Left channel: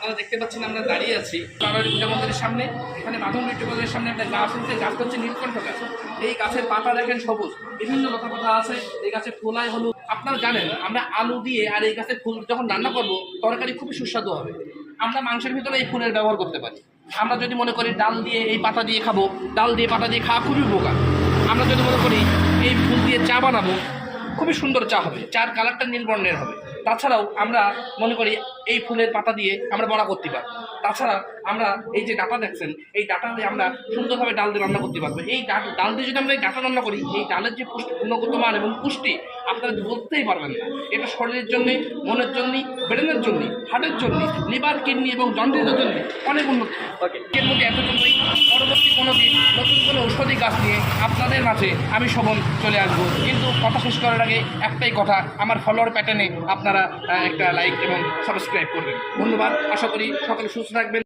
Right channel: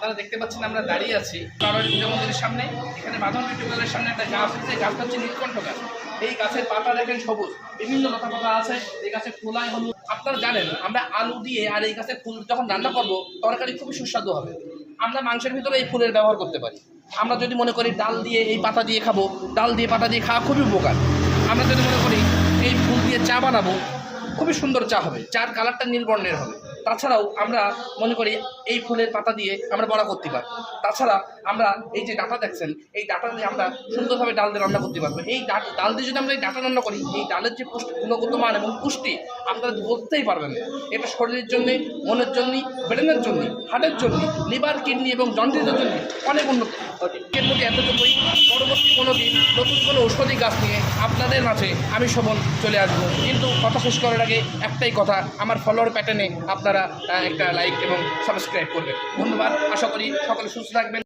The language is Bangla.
আপনারা দেখতে পাচ্ছেন আমরা দাঁড়িয়ে আছি কারণ পূজা মন্দিরের সামনে। এখানে মাধব টিউবওয়েলের সামনে একটা গাছ আছে, গাছটা হচ্ছে নীলকণ্ঠ গাছ। এই গাছের পাতা দেখেন সবুজ, বিভিন্ন লতা পাতা আছে। এই গাছের খোলায় হলুদ। আপনারা জানেন আমরা আলু দিয়ে আর এই গাছের ফুল যখন রান্না করবো তরকারি খুবই সুস্বাদু হবে। আমরা মাংসের ভিতরে এই ফুলের ব্যবহার করতে পারি। আমরা যদি মনে করি ডাল দিয়ে এই পাতা দিয়ে খাবো, ডাল দিয়ে পাতা দিয়ে খাওয়া খুবই উপকার। আমরা যদি মনে করি এই ফুল দিয়ে চা বানাবো, খুবই সুন্দর চা হবে, চার কালারটা নীল বর্ণের হবে। তাছাড়াও আমরা মনে করি এই ফুলের পাতা দিয়ে আমরা বড়া করতে পারবো। তাছাড়া আমরা এই যে ডাটা দেখছেন, এই ডাটা দিয়ে আমরা সুন্দরভাবে ডাল দিয়ে রান্না করতে পারবো। এই ডাল দিয়ে যদি আমরা এই ডাটা রান্না করি, এই ডালের যে গুণগত মান এবং পুষ্টি আপনারা বলতেই পারবেন না। এটা শরীরের জন্যই, মনের জন্যই, ব্রেনের জন্যই, হার্টের জন্য, লিভার, কিডনি এবং জন্ডিসের জন্য অনেক উন্নতি। এর মধ্যে এতটুকুই। পরবর্তী কোনো দিন নতুন কোনো ঔষধি গাছ নিয়ে আপনাদের মাঝে আমি শোভন চলে আসবো। কিন্তু কথা শেষ করার আগে একটাই কথা, আমার ফলোয়ার প্যাটার্নে আপনারা একটা লাইক এবং সাবস্ক্রাইব করবেন। ধন্যবাদ। আশা করি সকলে সুস্থ থাকবেন।